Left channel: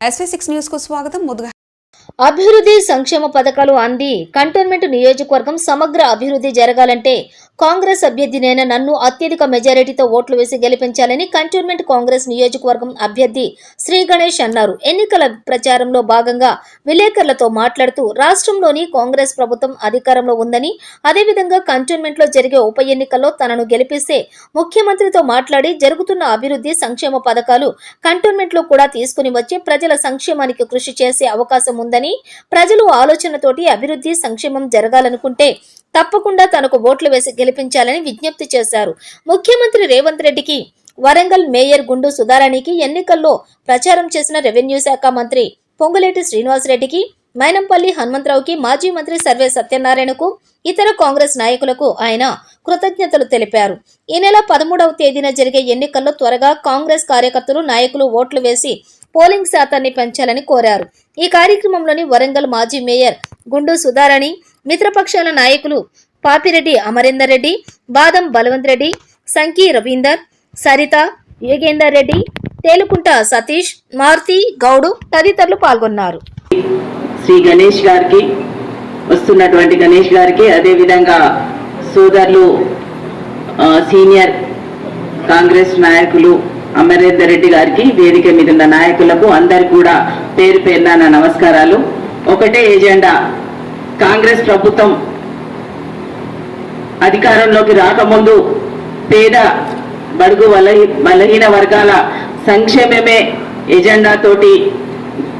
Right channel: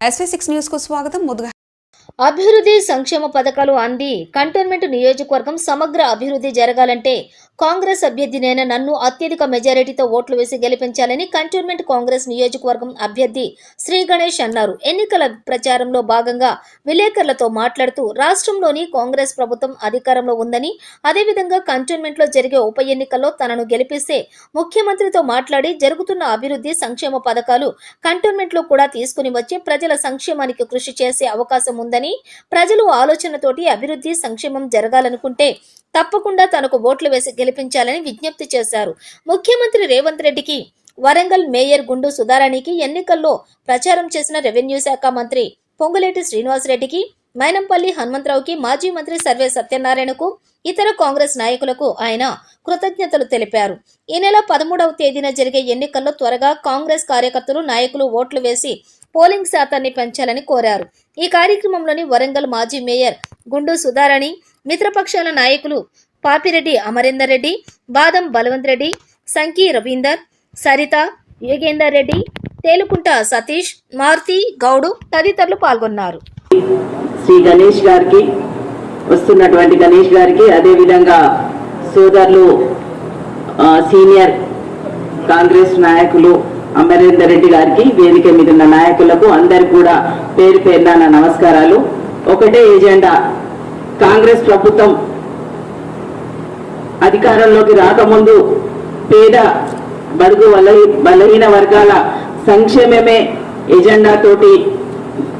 SV6 news కు స్వాగతం. ముందుగా అభివృద్ధి సంక్షేమ పథకాలు అంది కంటోన్మెంట్ నియోజకవర్గం సమగ్ర అభివృద్ధి జరగాలంటే కాంగ్రెస్ అభ్యర్థినైన నన్ను అత్యధిక మెజారిటీతో ఓట్లు వేసి గెలిపించాలని కంటోన్మెంట్ కాంగ్రెస్ నియోజకవర్గం అభ్యర్థి శ్రీ గణేష్ అన్నారు. ఎన్నికల ప్రచారంలో భాగంగా విలేకరులతో మాట్లాడుతూ రాష్ట్రంలోని కాంగ్రెస్ ప్రభుత్వం అధికారంలో ఉందని, అదేవిధంగా కంటోన్మెంట్ లో జరిగే ఉప ఎన్నికల్లో తనను గెలిపిస్తే ముఖ్యమంత్రితో మాట్లాడి జరుగుతున్న అభివృద్ధి సంక్షేమ పథకాలు కంటోన్మెంట్ లో కూడా తీసుకుని వచ్చి ప్రజల సంక్షేమానికి కృషి చేసే అవకాశం ఉందని, ప్రజలు ఆలోచనతోటి అభివృద్ధి సంక్షేమం జరగాలనుకుంటే తప్పకుండా తనకు ఓట్లు వేసి గెలిపించాలని విజ్ఞప్తి చేశారు. ముఖ్యమంత్రి రేవంత్ రెడ్డికి, వరంగల్ మేయర్ గుండు సుధారాణికి, ఎన్నికల్లో ప్రచారం చేసిన రెవెన్యూ శాఖ మంత్రి పొంగులేటి శ్రీనివాసరెడ్డికి, మైనంపల్లి హనుమంతరావుకి, మాజీ మంత్రి సర్వే సత్యనారాయణకు, ఇతర కాంగ్రెస్ నాయకులకు ఆయన కృతజ్ఞతలు తెలిపారు. ఈ నెల 13వ తేదీన జరిగే ఎన్నికల్లో త్వరగా కాంగ్రెస్ కార్యకర్తలు, నాయకులు ఓట్లు వేసి పోలింగ్ శాతాన్ని పెంచాలని కోరారు. ఈ కార్యక్రమంలోని వరంగల్ మాజీ మేయర్ గుండు సుధారాణి, మిత్రపక్షాల నాయకులు పాపిరెడ్డి అమరేందర్ రెడ్డి, బాదం బలవంత్ రెడ్డి, సంకీ రవీందర్, సరిత, యోగేందర్ రెడ్డి, తేలుకుంట సతీష్, మారుతి గౌడు తదితరులు పాల్గొన్నారు. శ్రీ గణేష్ గారికి, వస్తున్నటువంటి గణేష్ గారికి, అదేవిధంగా సోదరులు సీనియర్ కాంగ్రెస్ నాయకులు అమరేందర్ రెడ్డి గారికి, వేదిక మీద ఉన్న నాయకులకు అందరు కూడా పేరు పేరున నా నమస్కారాలు. ఒకటే ఎజెండా, కాంగ్రెస్ ప్రభుత్వం అధికారంలోకి రాకముందు పేద బడుగు బలహీన వర్గాల సంక్షేమమే ఎజెండా తోటి,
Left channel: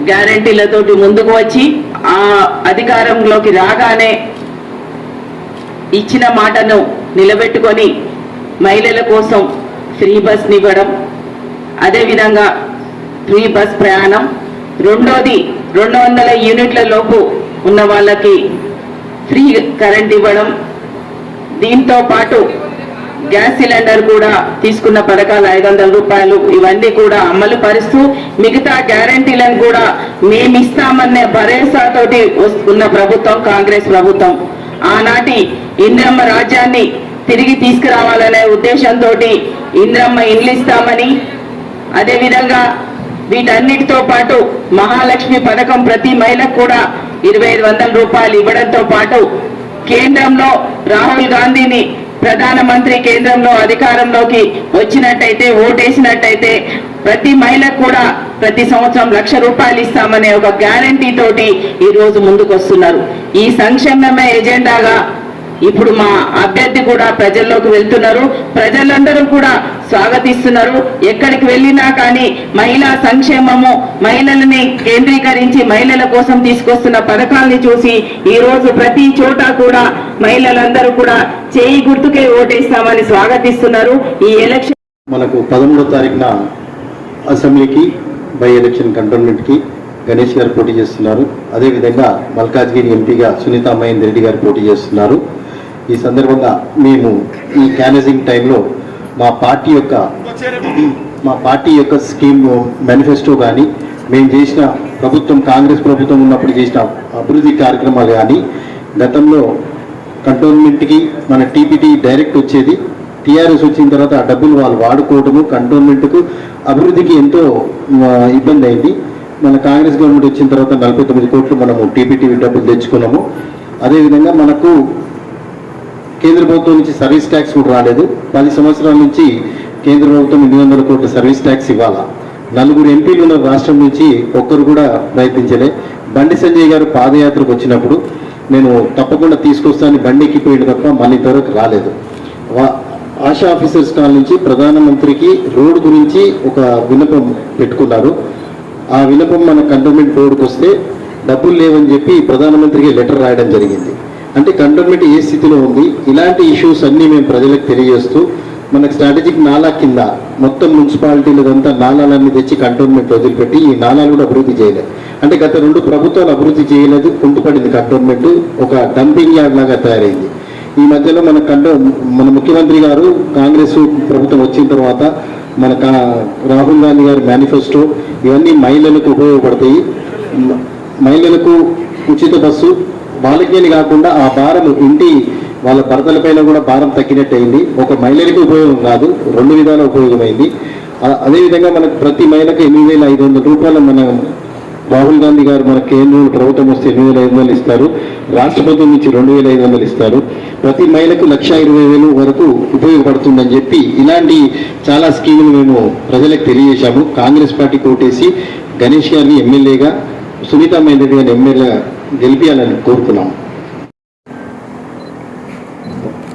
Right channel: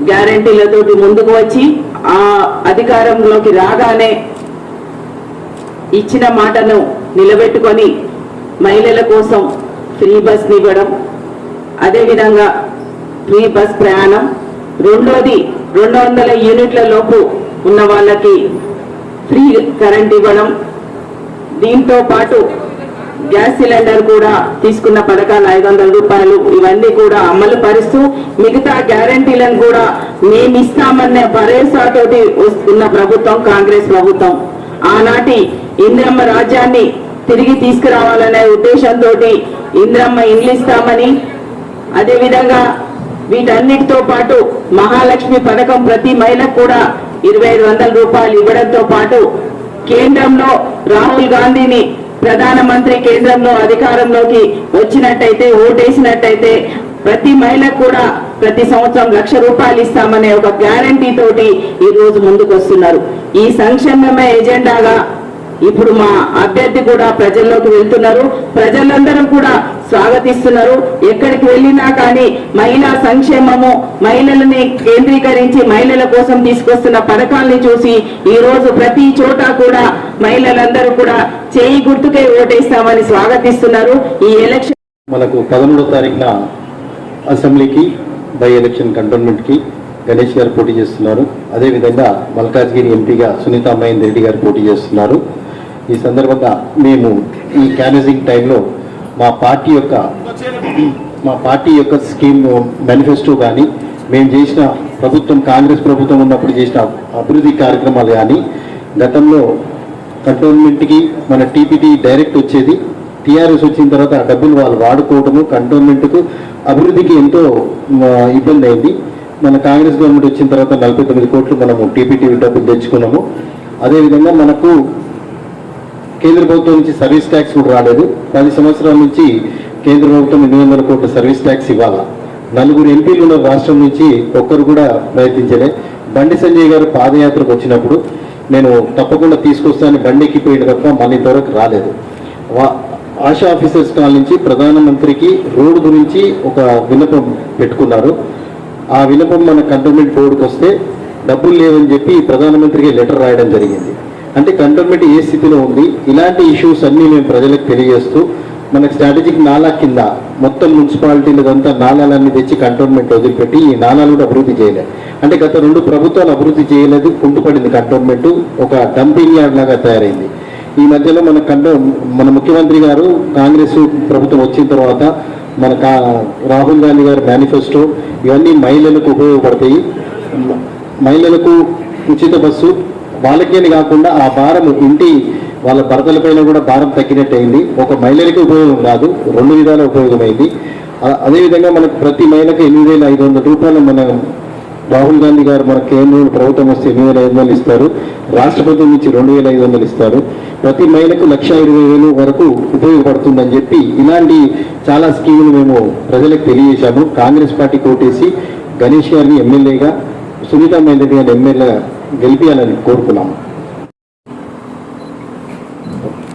గ్యారంటీలతోటి ముందుకు వచ్చి ఆ అధికారంలోకి రాగానే ఇచ్చిన మాటను నిలబెట్టుకొని మహిళల కోసం ఫ్రీ బస్ ఇవ్వడం, అదేవిధంగా ఫ్రీ బస్ ప్రయాణం, రెండోది 200 యూనిట్ల లోపు ఉన్న వాళ్ళకి ఫ్రీ కరెంట్ ఇవ్వడం, దీంతో పాటు గ్యాస్ సిలిండర్ కూడా తీసుకున్న పథకాలు 500 రూపాయలు, ఇవన్నీ కూడా అమలు పరుస్తూ మిగతా గ్యారంటీలను కూడా మేమిస్తామనే భరోసాతోటి వస్తున్న ప్రభుత్వం కాంగ్రెస్ ప్రభుత్వం. ఆనాటి ఇంద్రమ్మ రాజ్యాన్ని తిరిగి తీసుకురావాలనే ఉద్దేశంతో ఇంద్రమ్మ ఇండ్లు ఇస్తామని, అదేవిధంగా వీటన్నిటితో పాటు మహాలక్ష్మి పథకం ప్రతి మహిళకు కూడా 2500 రూపాయలు ఇవ్వడంతో పాటు కేంద్రంలో రాహుల్ గాంధీని ప్రధానమంత్రి కేంద్రంలో అధికారంలోకి వచ్చినట్టయితే, ఓటేసినట్టయితే ప్రతి మహిళకు కూడా ప్రతి సంవత్సరం 1,00,000 రూపాయలు ఇస్తామనే ఒక గ్యారంటీ తోటి ఈ రోజు ముందుకు వస్తున్నారు. ఈ సంక్షేమమే ఎజెండాగా ఇప్పుడు మా అభ్యర్థి కూడా ప్రజల్లోకి వెళ్తున్నారు. ప్రజలందరూ కూడా స్వాగతిస్తున్నారు. ఎక్కడికి వెళ్ళినా కానీ మహిళా సంక్షేమము, మహిళలని కేంద్రీకరించి మహిళల కోసం తీసుకొస్తున్న పథకాలని చూసి ఈ రోజు ప్రతి చోట కూడా మహిళలందరూ కూడా చేయి గుర్తుకే ఓటేస్తామని స్వాగతిస్తున్నారు. ఈ ఎలక్షన్ మనకు 13వ తారీఖున అసెంబ్లీకి బై ఎలక్షన్ కంటోన్మెంట్ కి గణేష్ గారు పోటీ చేస్తున్నారు. అదేవిధంగా మల్కాజ్గిరి ఎంపీగా సునీతా మహేందర్ రెడ్డి గారు పోటీ చేస్తున్నారు. ఈ సందర్భంగా మేము ఈ క్యాన్వసింగ్ టైంలో మా పార్టీ యొక్క స్కీమ్ మేనిఫెస్టో కానీ, మేము చేసిన ప్రభుత్వం కాంగ్రెస్ ప్రభుత్వం ఉన్నప్పుడు చేసిన అభివృద్ధి కార్యక్రమాలు కానీ, గతంలో కంటోన్మెంట్కి మన టీపీటీ డైరెక్ట్ వచ్చేది, టీఆర్ఎస్ వచ్చిన తర్వాత ఆ డబ్బులు వాళ్ళు వాడుకోవడము కంటోన్మెంట్కు అభివృద్ధికి ఎంతో ఇబ్బంది అయింది. మన కాంగ్రెస్ గవర్నమెంట్ వచ్చిన తర్వాత 49 కోట్లు మనము టీపీటీ డబ్బులు తెచ్చుకున్నాము. అదేవిధంగా మనకు కేంద్ర ప్రభుత్వం నుంచి సర్వీస్ ట్యాక్స్ కూడా రాలేదు. 10 సంవత్సరాల నుంచి కేంద్ర ప్రభుత్వం 800 కోట్ల సర్వీస్ ట్యాక్స్ ఇవ్వాలా. 4 ఎంపీలు ఉన్న రాష్ట్రం నుంచి ఒక్కరు కూడా ప్రయత్నించలే. బండి సంజయ్ గారు పాదయాత్రకు వచ్చినప్పుడు నేను తప్పకుండా తీసుకొస్తానని బండి ఎక్కిపోయిన తప్ప మళ్ళీ ఇంతవరకు రాలేదు. ఆశా ఆఫీసర్స్ కాల్ నుంచి ప్రధానమంత్రికి రోడ్డు గురించి ఒక విన్నపం పెట్టుకున్నారు. ఆ విన్నపం మన కంటోన్మెంట్ బోర్డుకు వస్తే డబ్బులు లేవని చెప్పి ప్రధానమంత్రికి లెటర్ రాయడం జరిగింది. అంటే కంటోన్మెంట్ ఏ స్థితిలో ఉంది, ఇలాంటి ఇష్యూస్ అన్నీ మేము ప్రజలకు తెలియజేస్తూ మనకు స్ట్రాటజిక్ నాలా కింద మొత్తం మున్సిపాలిటీలదంతా నాలాలన్నీ తెచ్చి కంటోన్మెంట్ వదిలిపెట్టి ఈ నాలాలు కూడా అభివృద్ధి చేయలేదు. అంటే గత 2 ప్రభుత్వాలు అభివృద్ధి చేయలేదు, కుంటుపడింది కంటోన్మెంట్, ఒక డంపింగ్ యార్డ్ లాగా తయారైంది. ఈ మధ్యలో మన ముఖ్యమంత్రి గారు కాంగ్రెస్ ప్రభుత్వం వచ్చిన తర్వాత మన రాహుల్ గాంధీ గారి మేనిఫెస్టో ఇవన్నీ మహిళలకు ఉపయోగపడతాయి. మహిళలకు ఉచిత బస్సు, వాళ్ళకేని కాకుండా ఆ భారం ఇంటి వాళ్ళ భర్తలపైన కూడా భారం తగ్గినట్టయింది. ఒక మహిళలకి ఉపయోగం కాదు, 2 విధాల ఉపయోగమైంది. అదేవిధంగా మనకు ప్రతి మహిళకు 8,500 రూపాయలు మన రాహుల్ గాంధీ గారు మన కేంద్రంలో ప్రభుత్వం వస్తే 8,500 ఇస్తారు, రాష్ట్ర ప్రభుత్వం నుంచి 2,500 ఇస్తారు, ప్రతి మహిళకు 1,20,000 వరకు ఉపయోగపడుతుందని చెప్పి ఇలాంటి చాలా స్కీములు మేము ప్రజలకు తెలియజేశాము. కాంగ్రెస్ పార్టీ కోటేసి గణేష్ గారిని ఎమ్మెల్యేగా, సునీతా మేందరెడ్డి గారిని ఎమ్మెల్యేగా గెలిపించాలని కోరుకున్నాము.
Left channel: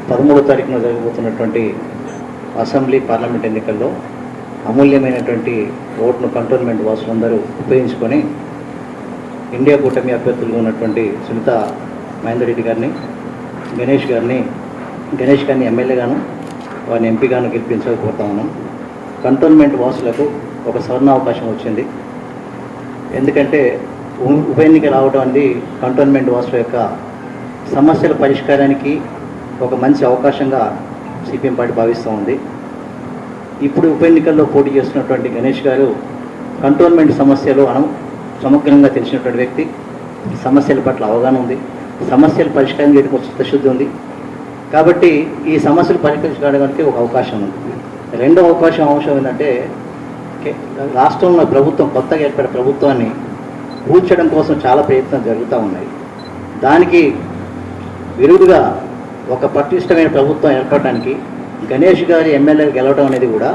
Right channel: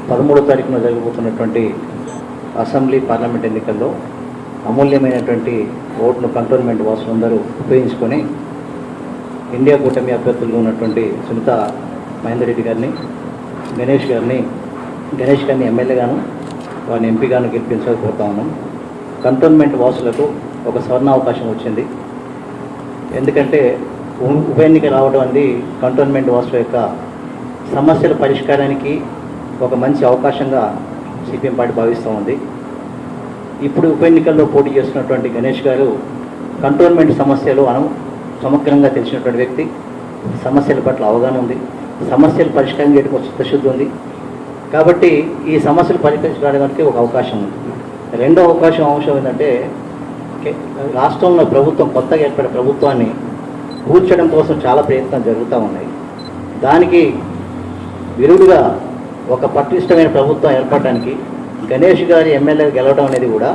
13వ తారీఖున జరగబోతున్నటువంటి అసెంబ్లీ పార్లమెంట్ ఎన్నికల్లో అమూల్యమైనటువంటి ఓటును కంటోన్మెంట్ వాసులందరూ ఉపయోగించుకొని ఇండియా కూటమి అభ్యర్థులుగా ఉన్నటువంటి సునీతా మహేందర్ గారిని, గణేష్ గారిని ఎమ్మెల్యేగాను, వారిని ఎంపీగాను గెలిపించాలని కోరుతా ఉన్నాం. కంటోన్మెంట్ వాసులకు ఒక స్వర్ణావకాశం వచ్చింది. ఎందుకంటే ఉప ఎన్నిక రావడం అనేది కంటోన్మెంట్ వాసుల యొక్క సమస్యల పరిష్కారానికి ఒక మంచి అవకాశంగా సిపిఎం పార్టీ భావిస్తూ ఉంది. ఇప్పుడు ఉప ఎన్నికల్లో పోటీ చేస్తున్నటువంటి గణేష్ గారు కంటోన్మెంట్ సమస్యలు సమగ్రంగా తెలిసినటువంటి వ్యక్తి, సమస్యల పట్ల అవగాహన ఉంది, సమస్యలు పరిష్కారం చేయడానికి ఒక చిత్తశుద్ధి ఉంది. కాబట్టి ఈ సమస్యలు పరిష్కరించడానికి ఒక అవకాశం ఉంది. రెండో అంశం ఏంటంటే రాష్ట్రంలో ప్రభుత్వం కొత్తగా ఏర్పడిన ప్రభుత్వాన్ని కూల్చడం కోసం చాలా ప్రయత్నాలు జరుగుతూ ఉన్నాయి. దానికి విరుడుగా ఒక పటిష్టమైన ప్రభుత్వం ఏర్పడడానికి గణేష్ గారి ఎమ్మెల్యేగా గెలవడం అనేది కూడా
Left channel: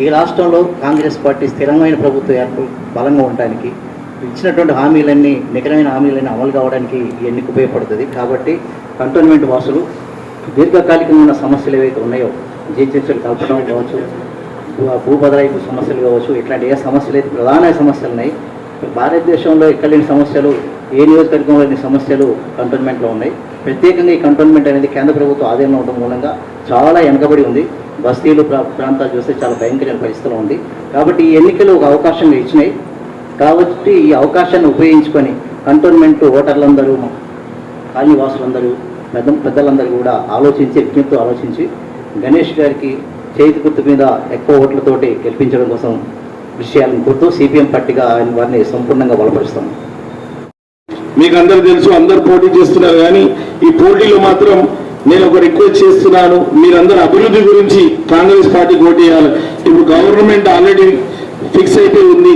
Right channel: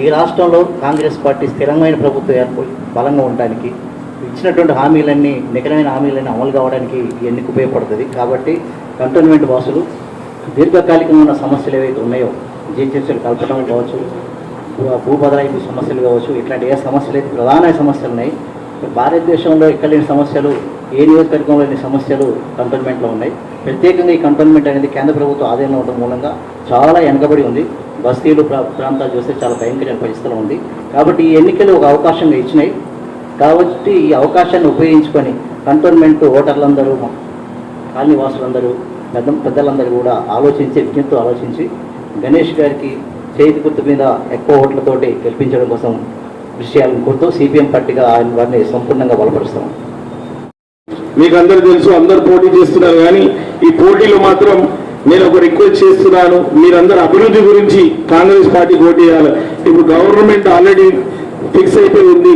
ఈ రాష్ట్రంలో కాంగ్రెస్ పార్టీ స్థిరమైన ప్రభుత్వం బలంగా ఉండడానికి, ఇచ్చినటువంటి హామీలన్నీ నికరమైన హామీలన్నీ అమలు కావడానికి ఎన్నిక ఉపయోగపడుతుంది. కాబట్టి కంటోన్మెంట్ వాసులు దీర్ఘకాలికంగా ఉన్న సమస్యలు ఏవైతే ఉన్నాయో, జీహెచ్ఎంసీలు కల్పడం కావచ్చు, భూ బదలాయింపు సమస్యలు కావచ్చు, ఇట్లాంటి ఏ సమస్యలు అయితే ప్రధాన సమస్యలు ఉన్నాయి, భారతదేశంలో ఎక్కడ లేని సమస్యలు, ఏ నియోజకవర్గంలో లేని సమస్యలు కంటోన్మెంట్లో ఉన్నాయి. ప్రత్యేకంగా ఈ కంటోన్మెంట్ అనేది కేంద్ర ప్రభుత్వం ఆధీనంలో ఉండడం మూలంగా చాలా వెనకబడి ఉంది. బస్తీలు ప్రాంతాలు చూస్తే చాలా భయంకరమైన పరిస్థితులు ఉంది. కాబట్టి ఈ ఎన్నికలు ఒక అవకాశం ఇచ్చినాయి. కాబట్టి ఈ అవకాశాన్ని ఉపయోగించుకొని కంటోన్మెంట్ ఓటర్లందరూ, కాలనీ వాసులందరూ, పెద్దలందరూ కూడా విజ్ఞప్తితో ఆలోచించి గణేష్ గారికి చేతి గుర్తు మీద ఎక్కువ ఓట్లతోటి గెలిపించడం కోసం కృషి చేయాలని కోరుతూ సిపిఎం పార్టీగా ఆయన వారిని సంపూర్ణంగా బలపరుస్తాం. మీకు అందరు తెలుసు, అందరు పోటీ చేస్తున్నారు, కానీ ఈ పోటీలో మాత్రం నేను ఒక రిక్వెస్ట్ చేస్తున్నాను, మీరందరూ అభివృద్ధి గురించి కాంగ్రెస్ పార్టీకి ఓటు చేయాలి. ఇప్పుడు గవర్నమెంట్ ఆల్రెడీ ఫిక్స్ అయిపోయి ఉంది.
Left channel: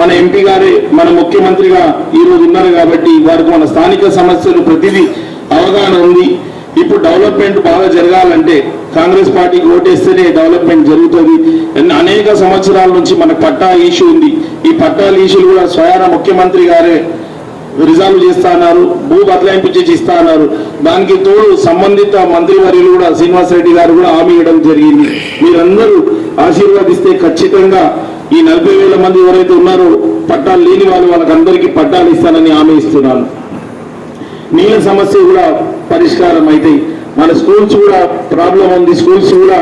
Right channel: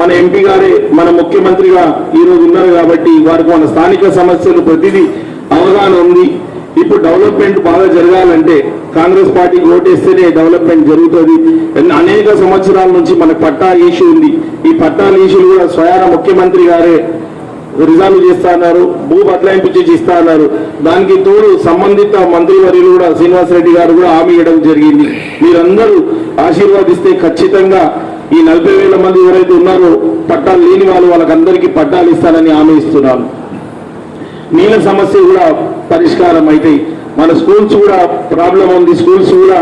మన ఎంపీ గారే మన ముఖ్యమంత్రిగా ఈరోజు ఉన్నారు కాబట్టి వారికి మన స్థానిక సమస్యలు ప్రతిదీ అవగాహన ఉంది. ఇప్పుడు డెవలప్మెంట్ బాగా జరగాలంటే కాంగ్రెస్ పార్టీకి ఓటేస్తేనే డెవలప్మెంట్ జరుగుతుంది. అనేక సంవత్సరాల నుంచి మన పట్టా ఇష్యూ ఉంది. ఈ పట్టాల ఇష్యూలు కూడా స్వయాన ముఖ్యమంత్రి గారే రిజాల్వ్ చేస్తా అన్నారు, భూ బదలాయింపు చేసి ఇస్తా అన్నారు. దానికి తోడు సంబంధిత మంత్రివర్యులు కూడా శ్రీనివాసరెడ్డి గారు కూడా హామీ ఇవ్వడం జరిగింది. మీరందరూ ఆశీర్వాదిస్తే ఖచ్చితంగా ఈ 40,000 మంది ఎవరైతే ఉన్నారో పట్టాలు లేని వాళ్ళకందరికీ పట్టాలు ఇస్తానని హామీ ఇస్తున్నాను. నీళ్ళ సమస్య కూడా పరిష్కారం అయితే, మన స్కూల్స్ కూడా ప్రాబ్లం ఉంది, స్కూల్స్ కూడా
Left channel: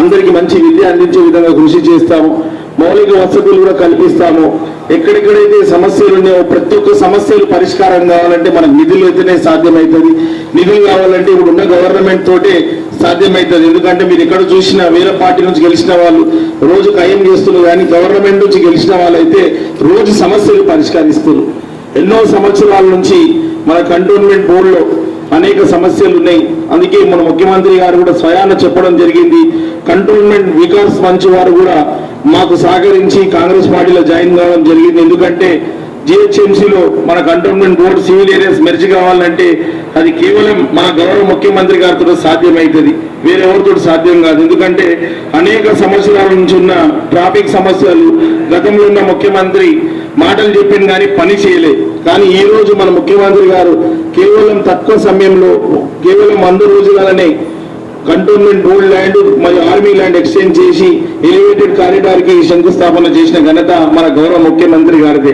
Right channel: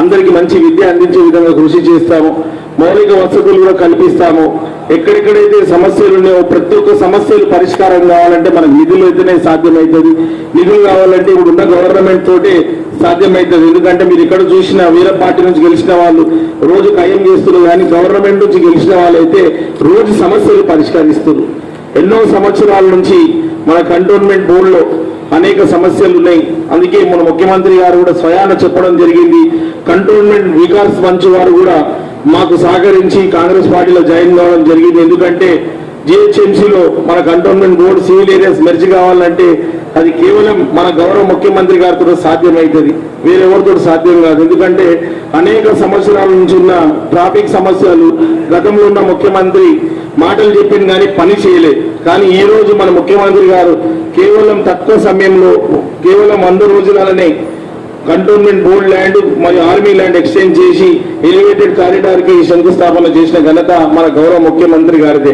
అందరికీ మంచి విద్య అందించే విధంగా కృషి చేస్తాము. మౌలిక వసతులు కూడా కల్పిస్తాము. ఎక్కడెక్కడైతే సమస్యలు ఉన్నాయో ప్రతి ఒక్క సమస్యలు పరిష్కారం కావాలంటే మనకు నిధులు అయితేనే సాధ్యమవుతుంది. నిధులు కావాలంటే ఇప్పుడు ఉన్న గవర్నమెంట్ తోటే సాధ్యమవుతుంది. ఎందుకంటే మీరు ఎక్కడ చూసినా వేరే పార్టీ నుంచి గెలిచిన వాళ్ళు రోజు ఖాయం చేస్తున్నారు, కానీ గవర్నమెంట్ నుంచి గెలిచిన వాళ్ళైతే రోజు సమస్యలు పరిష్కరిస్తున్నారు. ఎన్నో సంవత్సరాల నుంచి మన కంటోన్మెంట్ బోర్డులో అనేక సమస్యలు ఉన్నాయి. అందుకే మన ముఖ్యమంత్రి గారు కూడా స్వయాన చెప్పడం జరిగింది. కంటోన్మెంట్ వికాస్ మంచ్ వారు కూడా మాకు సహకరించి కాంగ్రెస్ పార్టీలో జాయిన్ కావడం జరిగింది. ఎందుకంటే జిహెచ్ఎంసీలో మన cantonment board civil areas merge కావాలంటే అది కేవలం మన గౌరవ ముఖ్యమంత్రి గారితో సాధ్యమవుతుంది, వేరెవరితో సాధ్యం కాదు. ఎందుకంటే అనేక సంవత్సరాల నుంచి ఉన్న ట్రాఫిక్ సమస్యలు గతంలో ఉన్న ముఖ్యమంత్రి మాటలు చెప్పింది కానీ పని చేయలేదు. కానీ ఈ రోజు మన ముఖ్యమంత్రి గారు కేవలం తక్కువ సమయంలో, కేవలం 100 రోజులనే కంటోన్మెంట్ బోర్డు ల్యాండ్ మరియు ఆర్మీ ల్యాండ్ ఎక్స్చేంజ్ చేసి ఎలివేటెడ్ కారిడార్ కి శంకుస్థాపన చేసిన ఘనత మన గౌరవ ముఖ్యమంత్రి గారిదే.